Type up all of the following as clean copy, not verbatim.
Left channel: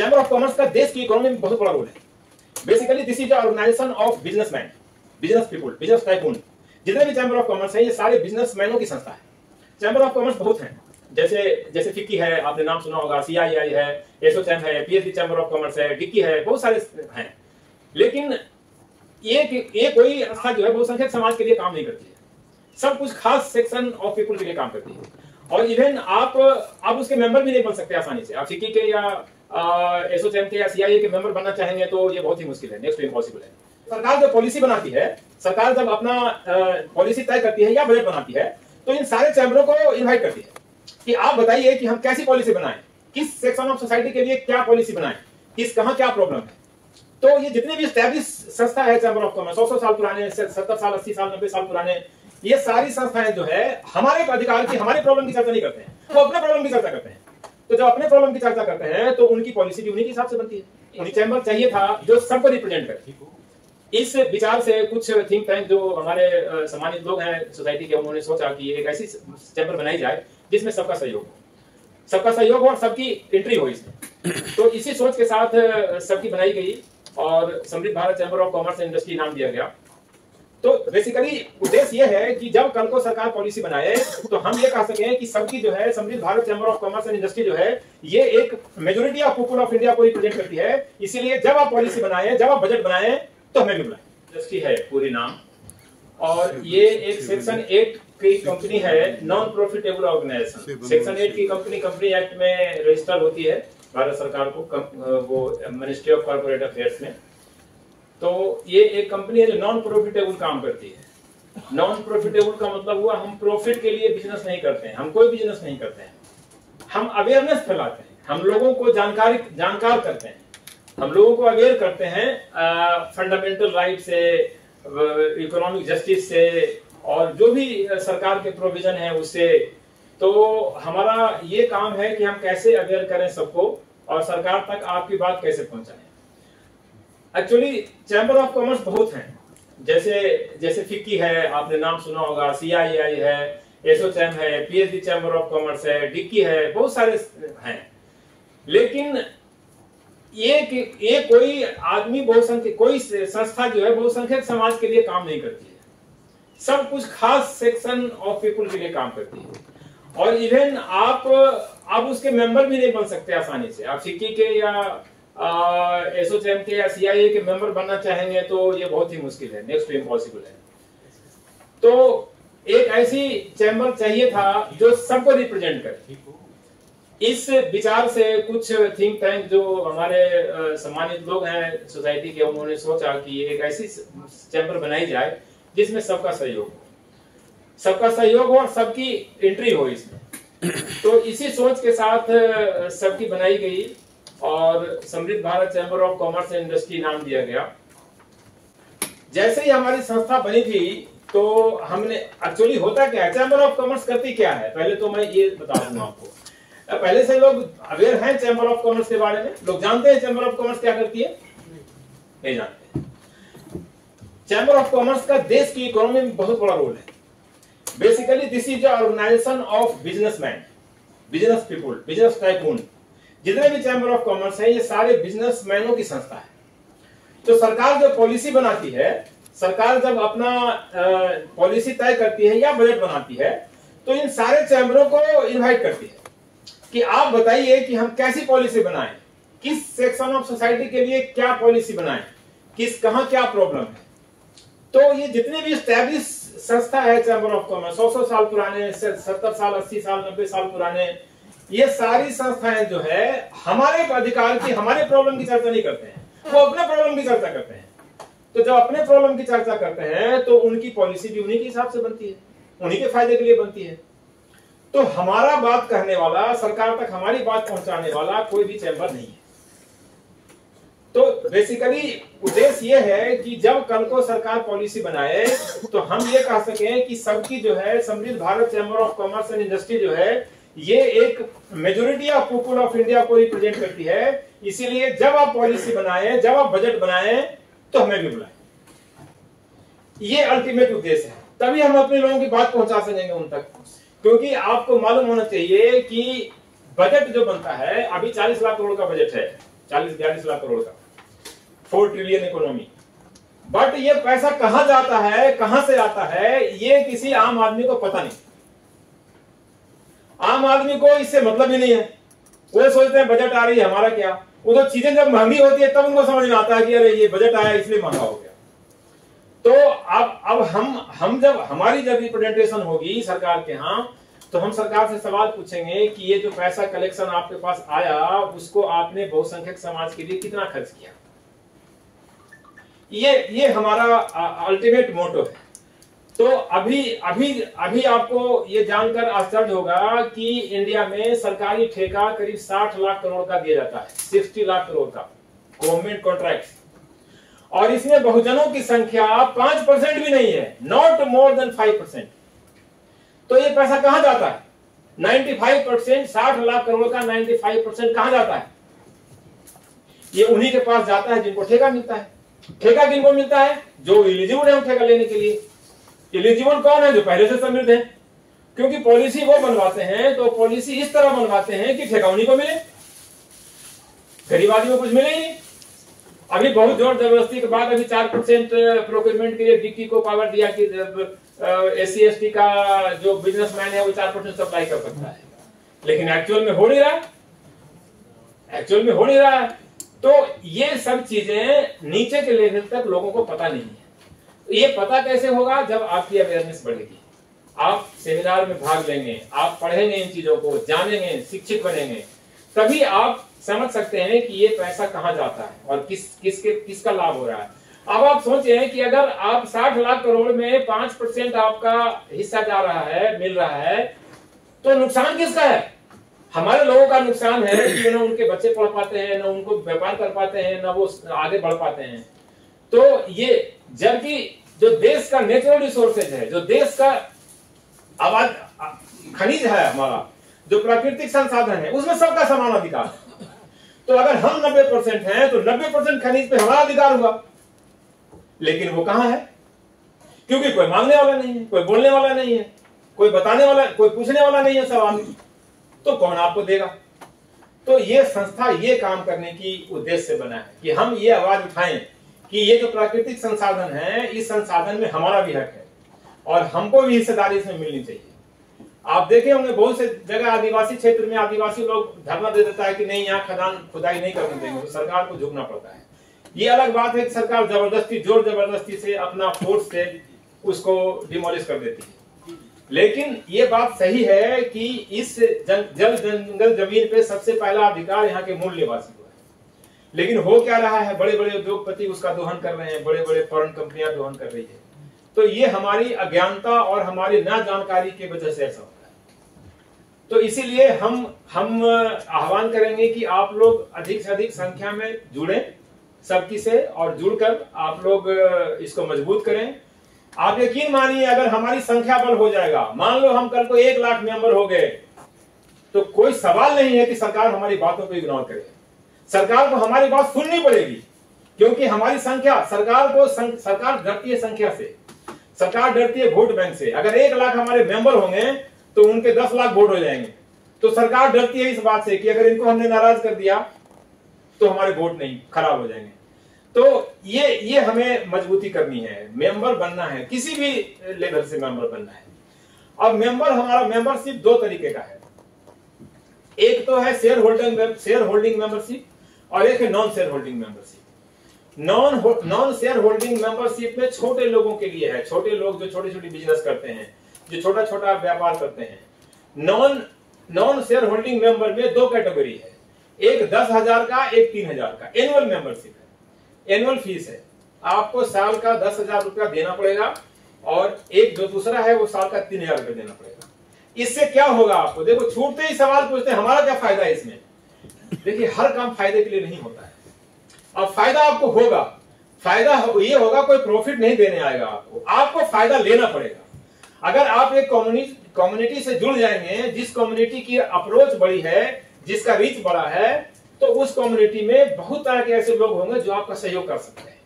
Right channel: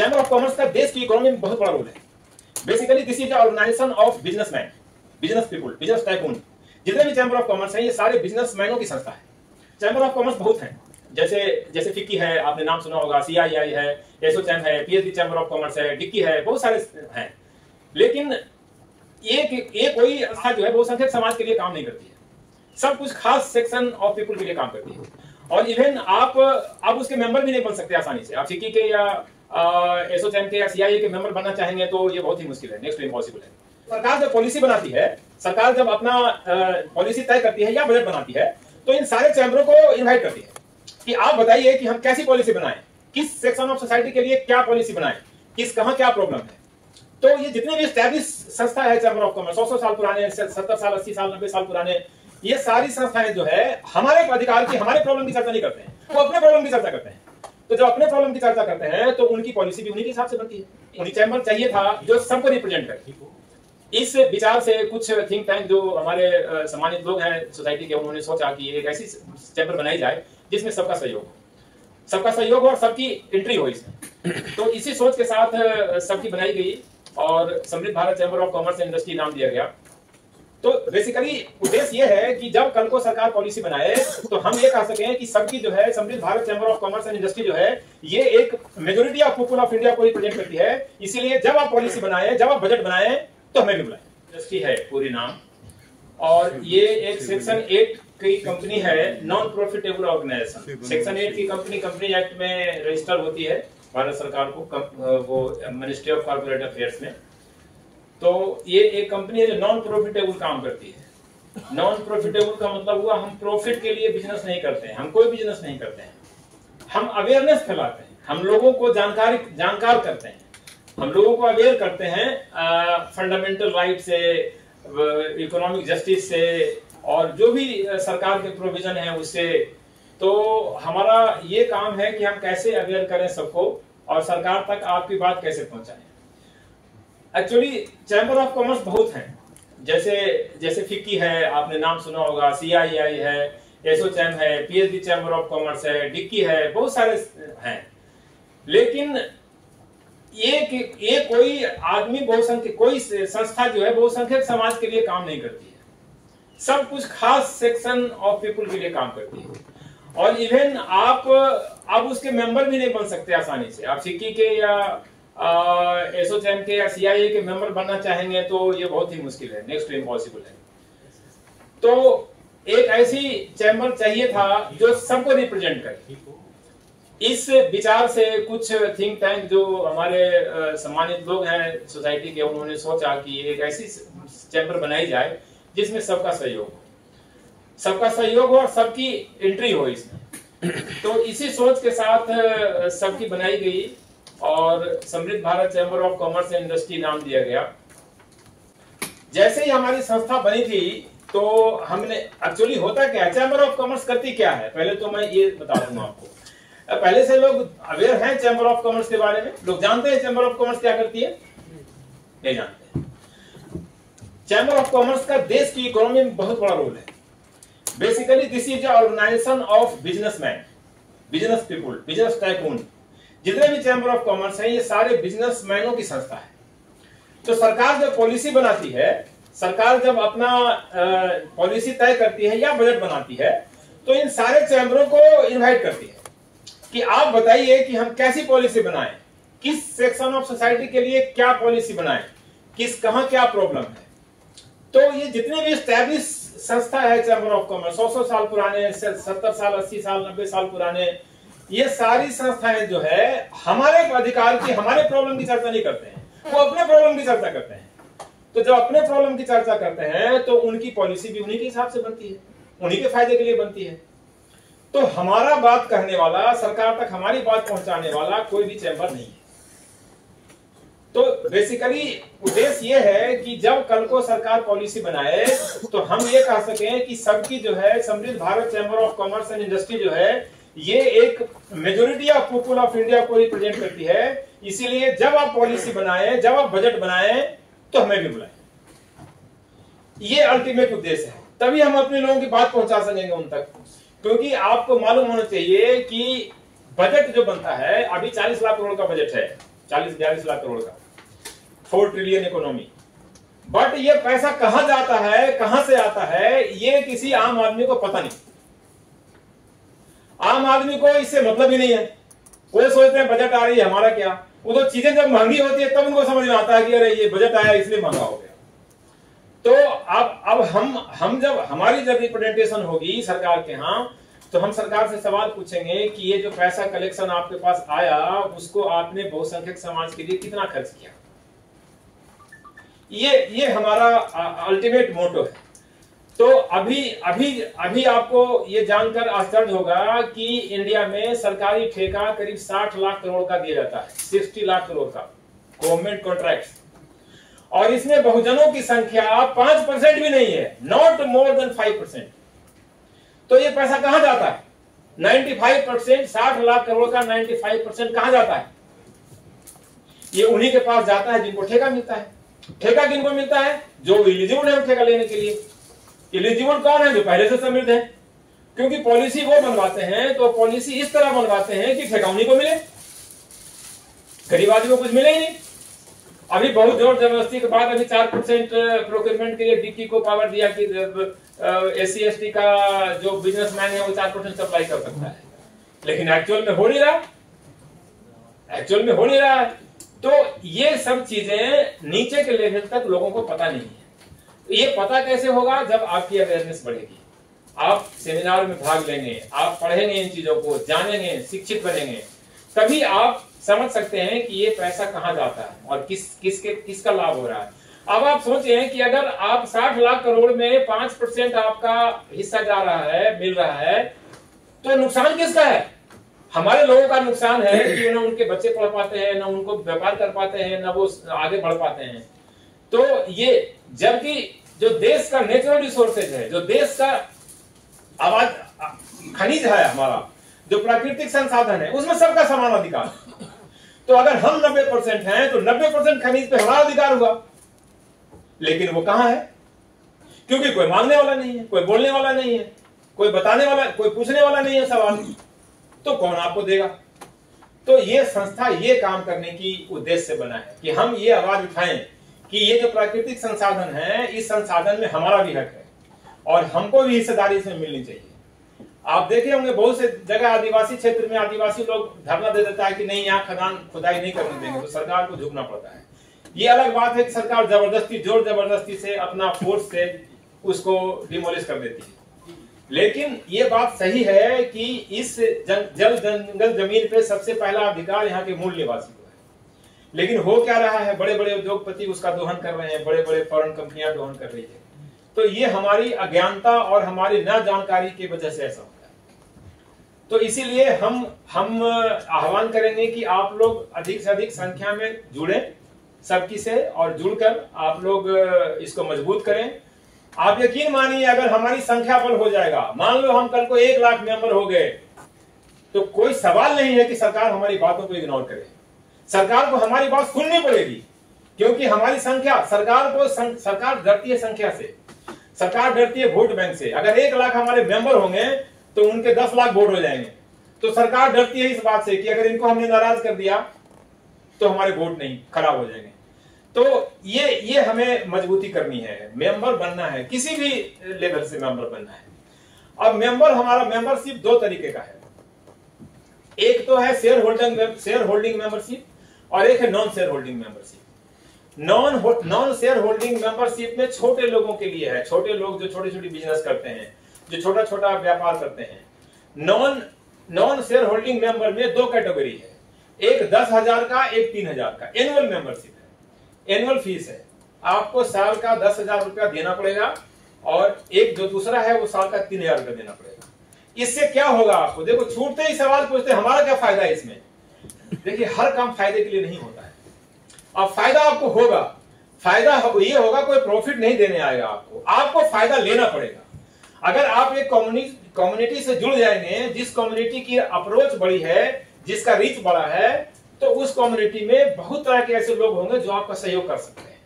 Chamber of commerce का देश की इकोनॉमी में बहुत बड़ा रोल है। Basically this is organisation of businessman, business people, business tycoon. जितने भी चैम्बर ऑफ कॉमर्स है ये सारे बिजनेसमैनों की संस्था है। चैम्बर ऑफ कॉमर्स बहुत हैं, जैसे फिक्की है, आपने नाम सुना होगा, CII है, एसोचैम है, PhD चैम्बर ऑफ कॉमर्स है, डिक्की है, बहुत सारे हैं। लेकिन ये कोई संस्था जो है बहुसंख्यक समाज के लिए काम नहीं करती है, सब कुछ खास सेक्शन ऑफ पीपुल के लिए काम करती है। और इवन आप उसके मेंबर भी नहीं बन सकते आसानी से। आप फिक्की के या एसोचैम के या CII के मेंबर बनना चाहेंगे तो ये बहुत ही मुश्किल है, नेक्स्ट टू इम्पॉसिबल है। सरकार जब पॉलिसी बनाती है, सरकार जब अपना पॉलिसी तय करती है या बजट बनाती है, तो इन सारे चैम्बरों को इनवाइट करती है कि आप बताइए कि हम कैसी पॉलिसी बनाएं, किस सेक्शन ऑफ सोसाइटी के लिए क्या पॉलिसी बनाएं, कहां क्या प्रॉब्लम है। तो ये जितने भी एस्टैब्लिश संस्था है चैम्बर ऑफ कॉमर्स, 100 साल पुराने, 70 साल, 80 साल, 90 साल पुराने, ये सारी संस्थाएं जो है हमारे अधिकार की, हमारे प्रॉब्लम की चर्चा नहीं करते हैं, वो अपने प्रॉब्लम की चर्चा करते हैं। तो जब अपने प्रॉब्लम की चर्चा करते हैं तो उनकी पॉलिसी भी उन्हीं के हिसाब से बनती है। उन्हीं चैम्बर चाहिए था जो सबको रिप्रेजेंट करे। इस विचार से कुछ थिंक टैंक जो हमारे सम्मानित लोग हैं सोसाइटी के, उन्होंने सोचा कि एक ऐसी चैम्बर बनाई जाए जिसमें सबका सहयोग हो और सबकी एंट्री हो इसमें। तो इसी सोच के साथ सबकी बनाई गई और समृद्ध Bharat chamber of commerce and industry नाम दिया गया। तो बेसिकली उद्देश्य ये है कि जब कल को सरकार पॉलिसी बनाए तो हम ये कह सकें कि सबकी जो है समृद्ध Bharat chamber of commerce and industry जो है ये एक majority of people of India को रिप्रेजेंट करती है। इसीलिए जब आप पॉलिसी बनाए, जब आप बजट बनाए तो हमें भी बुलाए। इंडस्ट्री है पूरी नाम, और ये एक सेक्शन 8 की कंपनी है, नॉन प्रॉफिटेबल ऑर्गेनाइजेशन। सेक्शन 8 की कंपनी एक्ट में रजिस्टर होती है भारत सरकार को, वो मिनिस्ट्री ऑफ कॉर्पोरेट अफेयर्स में। तो ये एक कंपनी है जो नॉन प्रॉफिटेबल काम करती है। नॉन प्रॉफिटेबल का मतलब हुआ हम प्रॉफिट के लिए बिजनेस नहीं करते हैं, हम कोई बिजनेस नहीं करते हैं, हम अवेयरनेस फैलाते हैं, हम लोगों को जानकार करते हैं, हम लोगों को अवेयर करते हैं फंडामेंटल राइट से, इकोनॉमिक जस्टिस से, और जो भी सरकार के प्रोविजन है उससे। तो हमारा ये काम है कि हम कैसे अवेयर करें सबको और सरकार तक आपकी बात कैसे पहुंचाएं। एक्चुअली चैम्बर ऑफ कॉमर्स बहुत हैं, जैसे फिक्की है, आपने नाम सुना होगा, CII है, एसोचैम है, PhD चैम्बर ऑफ कॉमर्स है, डिक्की है, बहुत सारे हैं। लेकिन ये कोई आदमी बहुसंख्यक, कोई संस्था जो है बहुसंख्यक समाज के लिए काम नहीं करती है, सब कुछ खास सेक्शन ऑफ पीपुल के लिए काम करती है। और इवन आप उसके मेंबर भी नहीं बन सकते आसानी से। आप फिक्की के या एसोचैम के या CII के मेंबर बनना चाहेंगे तो ये बहुत ही मुश्किल है, नेक्स्ट टू इम्पॉसिबल है। तो एक ऐसी चैम्बर चाहिए था जो सबको रिप्रेजेंट करे। इस विचार से कुछ थिंक टैंक जो हमारे सम्मानित लोग हैं सोसाइटी के, उन्होंने सोचा कि एक ऐसी चैम्बर बनाई जाए जिसमें सबका सहयोग हो और सबकी एंट्री हो इसमें। तो इसी सोच के साथ सबकी बनाई गई और समृद्ध Bharat chamber of commerce and industry नाम दिया गया। जैसे ही हमारी संस्था बनी थी तो हमने, एक्चुअली होता क्या है, चैम्बर ऑफ कॉमर्स करती क्या है, पहले तो मैं ये बता दूंगा आपको। पहले से लोग अवेयर हैं चैम्बर ऑफ कॉमर्स के बारे में, लोग जानते हैं चैम्बर ऑफ कॉमर्स क्या करती है, नहीं जानते। चैम्बर ऑफ कॉमर्स का देश की इकोनॉमी में बहुत बड़ा रोल है। Basically this is organisation of businessman, business people, business tycoon. जितने भी चैम्बर ऑफ कॉमर्स है ये सारे बिजनेसमैनों की संस्था है। तो सरकार जब पॉलिसी बनाती है, सरकार जब अपना पॉलिसी तय करती है या बजट बनाती है, तो इन सारे चैम्बरों को इनवाइट करती है कि आप बताइए कि हम कैसी पॉलिसी बनाएं, किस सेक्शन ऑफ सोसाइटी के लिए क्या पॉलिसी बनाएं, कहां क्या प्रॉब्लम है। तो ये जितने भी एस्टैब्लिश संस्था है चैम्बर ऑफ कॉमर्स, 100 साल पुराने, 70 साल, 80 साल, 90 साल पुराने, ये सारी संस्थाएं जो है हमारे अधिकार की, हमारे प्रॉब्लम की चर्चा नहीं करते हैं, वो अपने प्रॉब्लम की चर्चा करते हैं। तो जब अपने प्रॉब्लम की चर्चा करते हैं तो उनकी पॉलिसी भी उन्हीं के हिसाब से बनती है, उन्हीं के फायदे के लिए बनती है। तो हमारा बात कहने वाला, सरकार तक हमारी बात पहुंचाने वाला कोई भी चैम्बर नहीं है। तो बेसिकली उद्देश्य ये है कि जब कल को सरकार पॉलिसी बनाए तो हम ये कह सकें कि सबकी जो है समृद्ध Bharat chamber of commerce and industry जो है ये एक majority of people of India को रिप्रेजेंट करती है। इसीलिए जब आप पॉलिसी बनाए, जब आप बजट बनाए तो हमें भी बुलाएं। ये अल्टीमेट उद्देश्य है, तभी हम अपने लोगों की बात पहुंचा सकेंगे उन तक। क्योंकि आपको मालूम होना चाहिए कि बजट जो बनता है, अभी 40 लाख करोड़ का बजट है, 40-42 लाख करोड़ का, 4 ट्रिलियन इकोनॉमी। बट ये पैसा कहां जाता है, कहां से आता है, ये किसी आम आदमी को पता नहीं। आम आदमी को इससे मतलब ही नहीं है। कोई सोचते हैं बजट आ रही है, हमारा क्या। वो तो चीजें जब महंगी होती है तब उनको समझ में आता है कि अरे ये बजट आया इसलिए महंगा हो गया। तो अब हम जब हमारी जब रिप्रेजेंटेशन होगी सरकार के यहाँ, तो हम सरकार से सवाल पूछेंगे कि ये जो पैसा कलेक्शन आपके पास आया उसको आपने बहुसंख्यक समाज के लिए कितना खर्च किया। ये हमारा अल्टीमेट मोटो है। तो अभी आपको ये जानकर आश्चर्य होगा कि इंडिया में सरकारी ठेका करीब 60 लाख करोड़ का दिया जाता है, 60 लाख करोड़ का गवर्नमेंट कॉन्ट्रैक्ट। और इसमें बहुजनों की संख्या 5% भी नहीं है, नॉट मोर देन 5%। तो ये पैसा कहां जाता है? 95%, 60 लाख करोड़ का 95% कहां जाता है? ये उन्हीं के पास जाता है जिनको ठेका मिलता है। ठेका किनको मिलता है? जो एलिजिबल है ठेका लेने के लिए। एलिजिबल कौन है? जो पहले से समृद्ध है। क्योंकि पॉलिसी वो बनवाते हैं तो पॉलिसी इस तरह बनवाते हैं कि ठेका उन्हीं को मिले, गरीब आदमी को कुछ मिले ही नहीं। अभी बहुत जोर जबरदस्ती के बाद अभी 4% प्रोक्योरमेंट के लिए डिक्की को पावर दिया कि SC ST का जो बिजनेसमैन है वो 4% सप्लाई कर सकता है, लेकिन एक्चुअल में हो नहीं रहा है। तो ये सब चीजें नीचे के लेवल तक लोगों को पता नहीं है। ये पता कैसे होगा? जब आपकी अवेयरनेस बढ़ेगी, आप सेमिनार में भाग लेंगे, आप पढ़ेंगे इन चीजों को, जानेंगे, शिक्षित बनेंगे, तभी आप समझ सकते हैं कि ये पैसा कहां जाता है और किसका लाभ हो रहा है। अब आप सोचें कि अगर आप 60 लाख करोड़ में 5% आपका हिस्सा जा रहा है, मिल रहा है, तो नुकसान किसका है? हमारे लोगों का नुकसान है कि न उनके बच्चे पढ़ पाते हैं, न उनको व्यापार कर पाते हैं, न वो आगे बढ़ पाते हैं। तो ये जबकि जो देश का नेचुरल रिसोर्सेज है, जो देश का आवाज खनिज है, हमारा जो प्राकृतिक संसाधन है, उसमें सबका समान अधिकार है। तो अगर हम 90% हैं तो 90% खनिज पे हमारा अधिकार हुआ, लेकिन वो कहां है? क्योंकि कोई मांगने वाला नहीं है, कोई बोलने वाला नहीं है, कोई बताने वाला, कोई पूछने वाला नहीं है सवाल, तो कौन आपको देगा? तो ये संस्था ये काम करने की उद्देश्य से बना है कि हम ये आवाज उठाएं कि ये जो प्राकृतिक संसाधन है, इस संसाधन में हमारा भी हक है और हमको भी हिस्सेदारी इसमें मिलनी चाहिए। आप देखे होंगे बहुत से जगह आदिवासी क्षेत्र में आदिवासी लोग धरना दे देता है कि नहीं यहाँ खदान खुदाई नहीं करने देंगे, तो सरकार को झुकना पड़ता है। ये अलग बात है कि सरकार जबरदस्ती, जोर जबरदस्ती से अपना फोर्स से उसको डिमोलिश कर देती है। लेकिन ये बात सही है कि इस जल जंगल जमीन पे सबसे पहला अधिकार यहाँ के मूल निवासी को है। लेकिन हो क्या रहा है? बड़े बड़े उद्योगपति उसका दोहन कर रहे हैं, बड़े बड़े फॉरेन कंपनियां दोहन कर रही है। तो ये हमारी अज्ञानता और हमारी न जानकारी की वजह से ऐसा होता है। तो इसीलिए हम आह्वान करेंगे कि आप लोग अधिक से अधिक संख्या में जुड़ें सबकी से, और जुड़कर आप लोग इसको मजबूत करें। आप यकीन मानिए, अगर हमारी संख्या बल हो जाएगा, मान लो हम कल को 1 लाख मेंबर हो गए, तो कोई सवाल नहीं है कि सरकार हमारी बातों को इग्नोर करे। सरकार को हमारी बात सुननी पड़ेगी, क्योंकि हमारी संख्या, सरकार डरती है संख्या से, सरकार डरती है वोट बैंक से। अगर 1 लाख हमारे मेंबर होंगे तो उनके 10 लाख वोट हो जाएंगे। तो सरकार डरती है इस बात से कि अगर इनको हमने नाराज कर दिया तो हमारे वोट नहीं खराब हो जाएंगे। तो ये हमें मजबूती करनी है, मेंबर बनना है, किसी भी लेवल से मेंबर बनना है। अब हमारा मेंबरशिप 2 तरीके का है। एक तो है शेयर होल्डिंग मेंबरशिप और एक है non share holding membership. Non share holding membership में छोटे लोगों के लिए है, छोटे लोग जो छोटी छोटी बिजनेस करते हैं, जो छोटा छोटा व्यापार करते हैं। नॉन शेयर होल्डिंग मेंबर में 2 कैटेगरी है, एक 10,000 का, एक 3,000 का। एनुअल मेंबरशिप है, एनुअल फीस है, आपको साल का 10,000 रुपया देना पड़ेगा, और एक जो दूसरा है वो साल का 3,000 रुपया देना पड़ेगा। इससे क्या होगा आपको? देखो, छूटते ही सवाल पूछते हैं हमारा क्या फायदा है इसमें। देखिए, हर काम फायदे के लिए नहीं होता है। अब फायदा आपको होगा, फायदा ये होगा, कोई प्रॉफिट नहीं देने आएगा आपको फायदा लेना पड़ेगा। अगर आप एक कम्युनिटी से जुड़ जाएंगे, जिस कम्युनिटी की अप्रोच बड़ी है, जिसका रीच बड़ा है, तो उस कम्युनिटी में बहुत तरह के ऐसे लोग होंगे जो आपका सहयोग कर सकते हैं।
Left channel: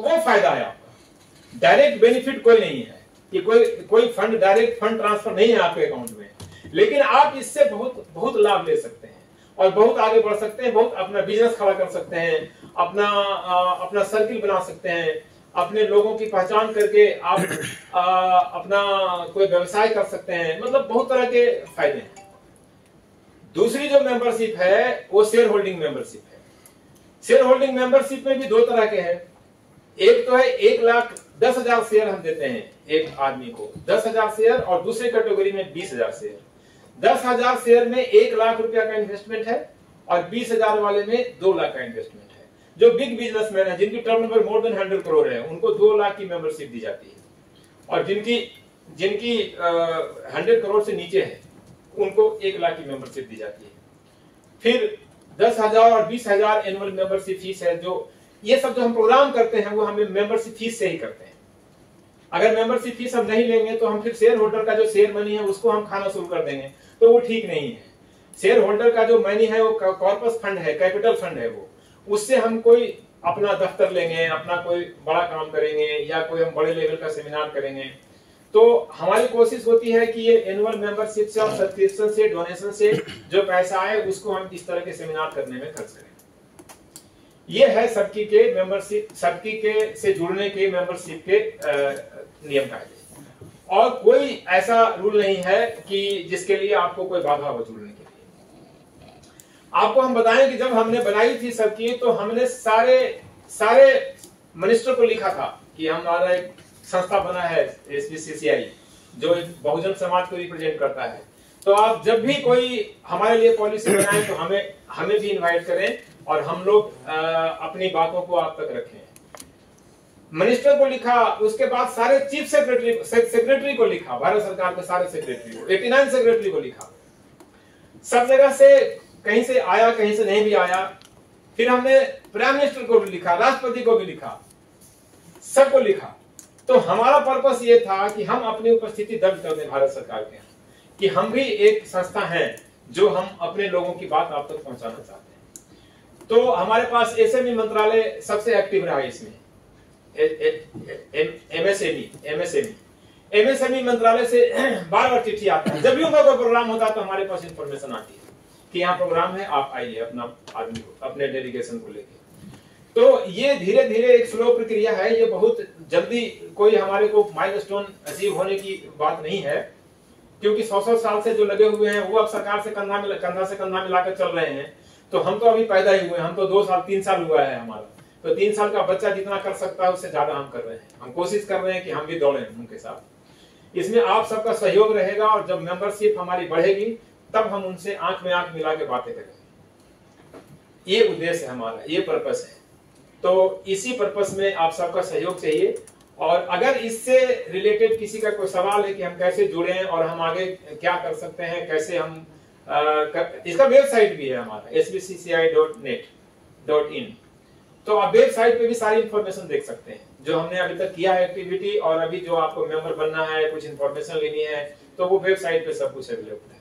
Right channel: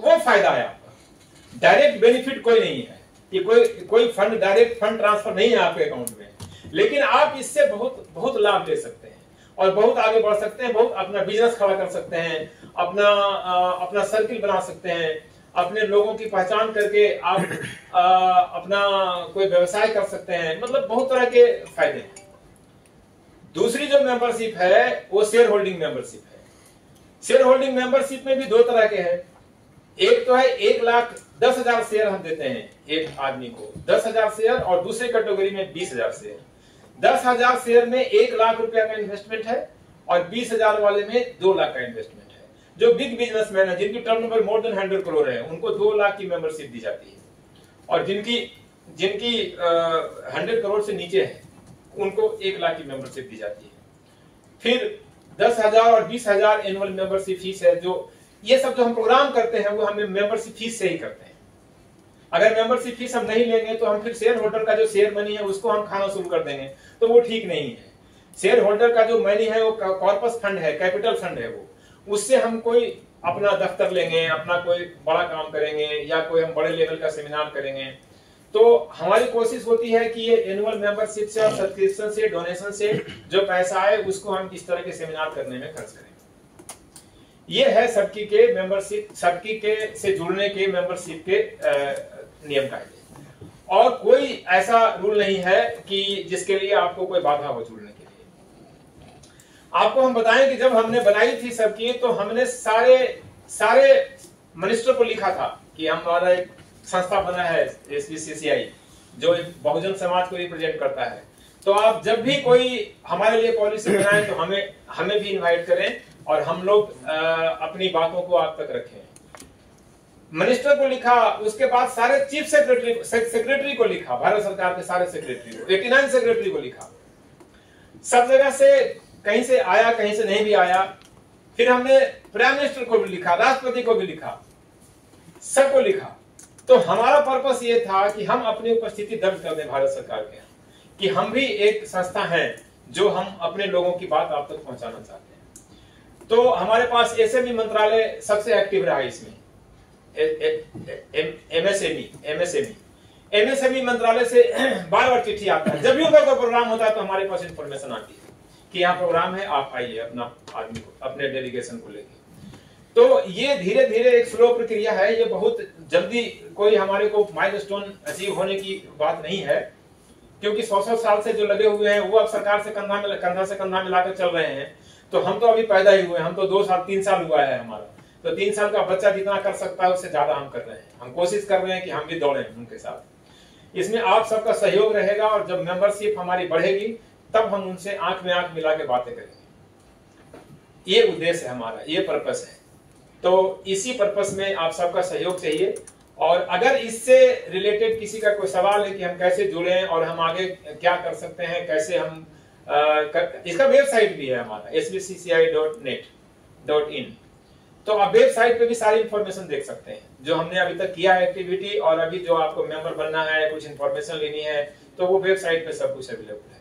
वो फायदा है आपका। डायरेक्ट बेनिफिट कोई नहीं है, ये कोई डायरेक्ट फंड ट्रांसफर नहीं है आपके अकाउंट में, लेकिन आप इससे बहुत बहुत लाभ ले सकते हैं। और बहुत आगे बढ़ सकते हैं, बहुत अपना बिजनेस खड़ा कर सकते हैं, अपना सर्किल बना सकते हैं, अपने लोगों की पहचान करके आप अपना कोई व्यवसाय कर सकते हैं। मतलब बहुत तरह के फायदे हैं। दूसरी जो मेंबरशिप है वो शेयर होल्डिंग मेंबरशिप है। शेयर होल्डिंग मेंबरशिप में भी दो तरह के हैं। एक तो है 1,10,000 शेयर हम देते हैं एक आदमी को, 10,000 शेयर, और दूसरे कैटेगरी में 20,000 शेयर। 10,000 शेयर में 1 लाख रुपया का इन्वेस्टमेंट है और 20,000 वाले में 2 लाख का इन्वेस्टमेंट है। जो बिग बिजनेसमैन है, जिनकी टर्नओवर मोर देन 100 करोड़ है, उनको 2 लाख की मेंबरशिप दी जाती है, और जिनकी 100 करोड़ से नीचे है उनको 1 लाख की मेंबरशिप दी जाती है। फिर 10,000 और 20,000 एनुअल मेंबरशिप फीस है। जो ये सब जो हम प्रोग्राम करते हैं वो हमें मेंबरशिप फीस से ही करते हैं। अगर मेंबरशिप फीस हम नहीं लेंगे तो हम फिर शेयर होल्डर का जो शेयर मनी है उसको हम खाना शुरू कर देंगे, तो वो ठीक नहीं है। शेयर होल्डर का जो मनी है वो कॉर्पस फंड है, कैपिटल फंड है, वो उससे हम कोई अपना दफ्तर लेंगे, अपना कोई बड़ा काम करेंगे, या कोई हम बड़े लेवल का सेमिनार करेंगे। तो हमारी कोशिश होती है कि ये एनुअल मेंबरशिप से और सब्सक्रिप्शन से, डोनेशन से जो पैसा आए उसको हम इस तरह के सेमिनार करने में खर्च करें। ये है सबकी के मेंबरशिप, सबकी के से जुड़ने के मेंबरशिप के नियम कायदे। और कोई ऐसा रूल नहीं है कि जिसके लिए आपको कोई बाधा हो जुड़ने के लिए। आपको हम बताएं कि जब हमने बनाई थी सबकी, तो हमने सारे मिनिस्टर को लिखा था कि हमारा एक संस्था बना है SBCCI, जो एक बहुजन समाज को रिप्रेजेंट करता है। तो आप जब भी कोई हमारे लिए पॉलिसी बनाएं तो हमें भी इनवाइट करें और हम लोग अपनी बातों को आप तक रखें। मिनिस्टर को लिखा, उसके बाद सारे चीफ सेक्रेटरी को लिखा, भारत सरकार के सारे सेक्रेटरी को, 89 सेक्रेटरी को लिखा। सब जगह से, कहीं से आया कहीं से नहीं भी आया। फिर हमने प्राइम मिनिस्टर को भी लिखा, राष्ट्रपति को भी लिखा, सबको लिखा। तो हमारा पर्पस ये था कि हम अपनी उपस्थिति दर्ज कर दें भारत सरकार के, कि हम भी एक संस्था है जो हम अपने लोगों की बात आप तक पहुंचाना चाहते हैं। तो हमारे पास SME मंत्रालय सबसे एक्टिव रहा है इसमें। MSME मंत्रालय से बार बार चिट्ठी आता है। जब भी कोई प्रोग्राम होता है तो हमारे पास इंफॉर्मेशन आती है कि यहाँ प्रोग्राम है, आप आइए अपना आदमी को, अपने डेलीगेशन को लेके। तो ये धीरे धीरे एक स्लो प्रक्रिया है। ये बहुत जल्दी कोई हमारे को माइलस्टोन अचीव होने की बात नहीं है, क्योंकि 100 साल से जो लगे हुए हैं वो अब सरकार से कंधा से कंधा मिलाकर चल रहे हैं। तो हम तो अभी पैदा ही हुए, हम तो 2 साल 3 साल हुआ है हमारा। तो 3 साल का बच्चा जितना कर सकता है उससे ज्यादा हम कर रहे हैं। हम कोशिश कर रहे हैं कि हम भी दौड़ें उनके साथ। इसमें आप सबका सहयोग रहेगा, और जब मेंबरशिप हमारी बढ़ेगी तब हम उनसे आंख में आंख मिला के बातें करेंगे। ये उद्देश्य है हमारा, ये पर्पस है। तो इसी पर्पस में आप सबका सहयोग चाहिए। और अगर इससे रिलेटेड किसी का कोई सवाल है कि हम कैसे जुड़े और हम आगे क्या कर सकते हैं, कैसे हम इसका वेबसाइट भी है हमारा sbcci.net.in। तो आप वेबसाइट पे भी सारी इंफॉर्मेशन देख सकते हैं जो हमने अभी तक किया है एक्टिविटी, और अभी जो आपको मेंबर बनना है, कुछ इंफॉर्मेशन लेनी है, तो वो वेबसाइट पे सब कुछ अवेलेबल है।